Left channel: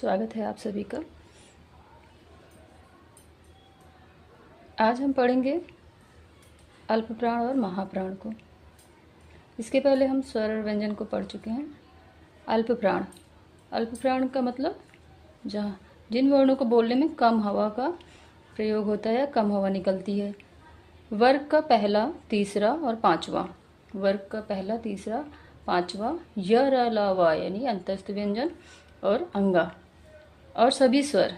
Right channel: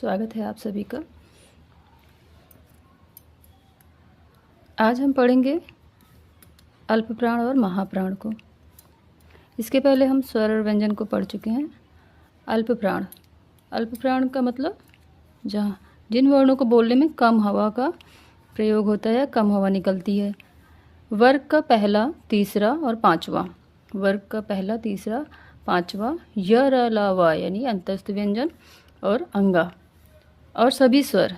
स्वागत है आप सभी का। आज हम पढ़ेंगे अल्पप्राण और महाप्राण को। इसके पहले हम स्वर और व्यंजन को पढ़ चुके हैं। अल्पप्राण, अल्पप्राण का मतलब जहाँ जिन वर्णों को बोलने में कम हवा का प्रयोग होता है या कम हवा निकलती है। वर्ग का पहला, तीसरा और पांचवा, वर्ग का पहला, तीसरा, पांचवा, य, र, ल, व यानी अंतस्थ व्यंजन और अंगा और सभी स्वर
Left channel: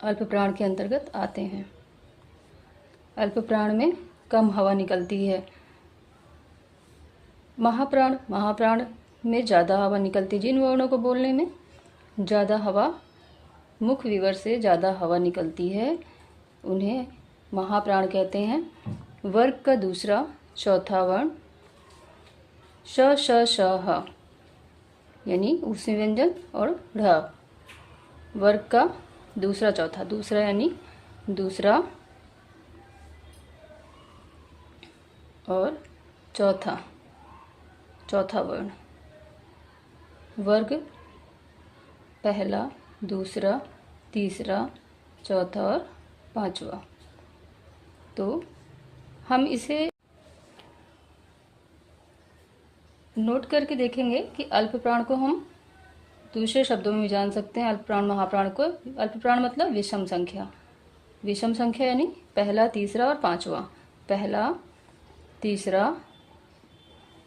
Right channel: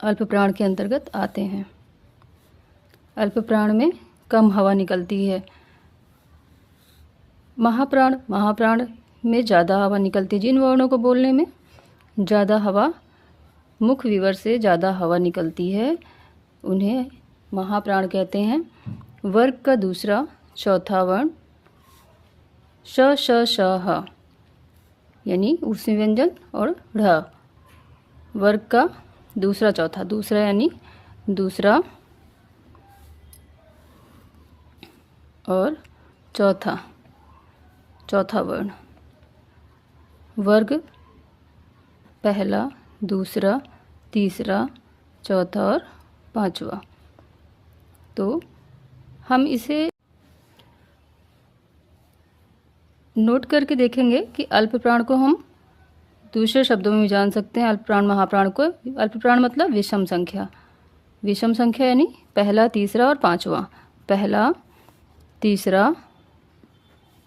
अल्पप्राण के अंतर्गत आते हैं। अल्पप्राण में कम हवा निकलती है। महाप्राण में ज़्यादा हवा निकलती है। जिन वर्णों को बोलने में ज़्यादा हवा, मुख विवर से ज़्यादा हवा निकलती है, उन्हें महाप्राण कहते हैं। वर्ग का दूसरा, चौथा वर्ण श, श, श, ह यानी ऊष्मी व्यंजन और ढ़। वर्ग का दूसरा, चौथा, दूसरा यानी दूसरा और चौथा, चौथा वर्ण। वर्ग पहला, दूसरा, तीसरा, चौथा और पांचवा। तो हम इसे नोट करके देखेंगे कि अल्पप्राण को हम दूसरे शब्दों में भी जान सकते हैं। अल्पप्राण, महाप्राण को, अल्पप्राण मतलब विषम संख्या। विषम संख्या यानी पहला, तीसरा और पांचवा, पहला, तीसरा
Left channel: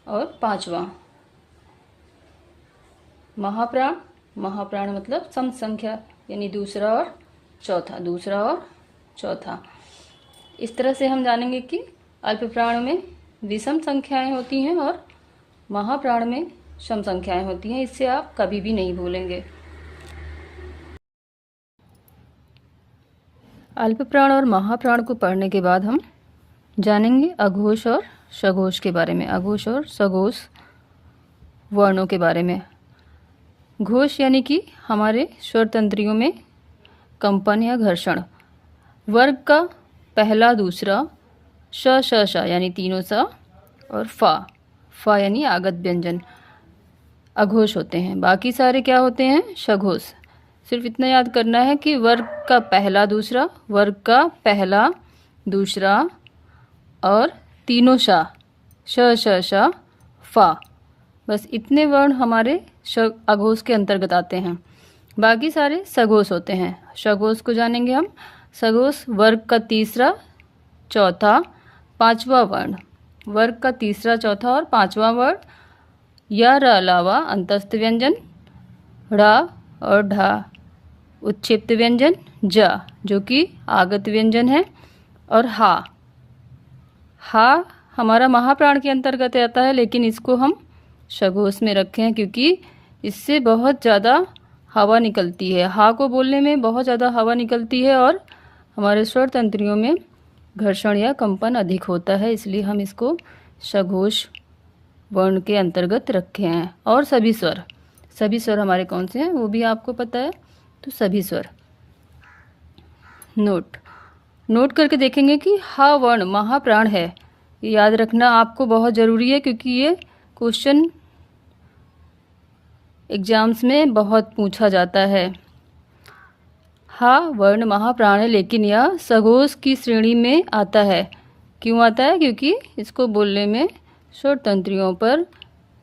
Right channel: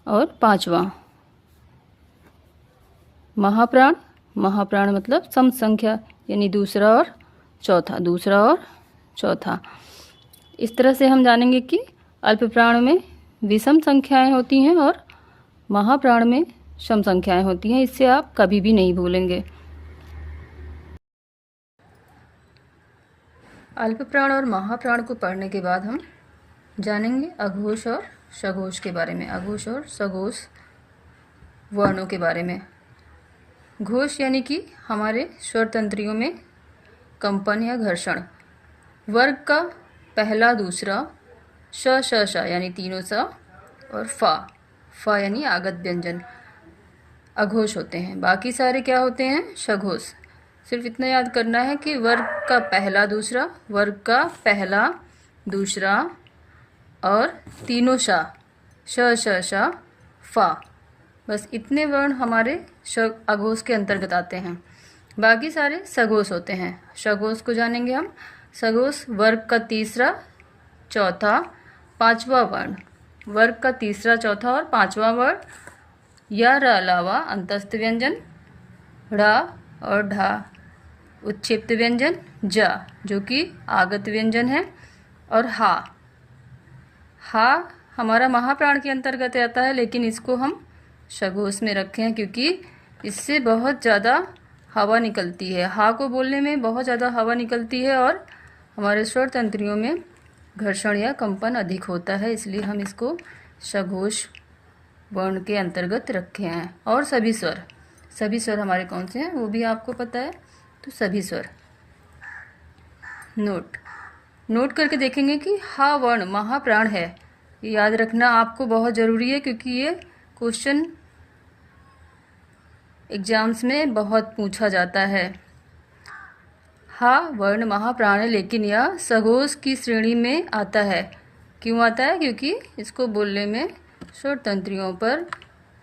और पांचवा। महाप्राण मतलब सम संख्या यानी दूसरा और चौथा, दूसरा और चौथा। इस तरह से हम जानेंगे कि अल्पप्राण में विषम संख्याएं होती हैं और महाप्राण में सम संख्याएं होती हैं। इससे आप कभी भी नहीं भूलेंगे। अल्पप्राण और महाप्राण को पढ़ने के बाद हम जानेंगे अघोष और सघोष के बारे में, अघोष और सघोष वर्णों के बारे में। घोष यानी कि हमारे स्वर तंत्रियों में कंपन या घर्षण। वर्ग का पहला, दूसरा, श, श, श यानी तीनों सा और फा यानी आगत व्यंजन अघोष होते हैं। बाकी सारे क्या होते हैं? सघोष। सिर्फ इतना याद करना है कि वर्ग का पहला, दूसरा, वर्ग का पहला, दूसरा और तीनों श, श, श, श, फा, बस इतने वर्ण हमारे अघोष के अंतर्गत आते हैं। बाकी सारे सघोष होते हैं। सघोष को जानेंगे हम। सघोष वर्ग का तीसरा, चौथा, पांचवा वर्ण। वर्ग का तीसरा, चौथा और पांचवा वर्ण य, र, अलावा अंतस्थ व्यंजन ढ़ और ढा, उत्क्षिप्त व्यंजन ज जो कि आगत व्यंजन है, और हा हमारा महाप्राण के अंतर्गत आता है, लेकिन इसको हम सघोष में रखे हैं क्योंकि इससे बहुत ज़्यादा हवा निकलती है। हा को बोलने में बहुत ज़्यादा हवा निकलती है और हमारे स्वर तंत्रियों में घर्षण या कंपन अधिक होता है, इसलिए हम इसको सघोष वर्ण के अंतर्गत रखे हैं। और सभी स्वर हमारे कौन से हैं वो भी आपको पता है। तो सभी स्वर नोट करके देखेंगे कि हा वर्ण महाप्राण है। ये याद रखना आपको बहुत ज़रूरी है क्योंकि ये क्वेश्चन एग्जाम्स में बहुत पूछा जाता है। हा वर्ण महाप्राण है, लेकिन यह सघोष की श्रेणी में आता है। क्यों आता है? क्योंकि इसको बोलने में स्वर तंत्रियों पर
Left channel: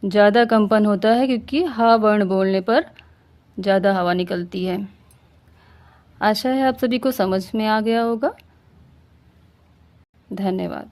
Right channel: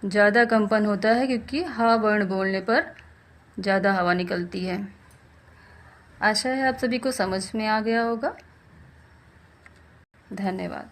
ज़्यादा कंपन होता है, क्योंकि हा वर्ण बोलने पर ज़्यादा हवा निकलती है। आशा है आप सभी को समझ में आ गया होगा। धन्यवाद।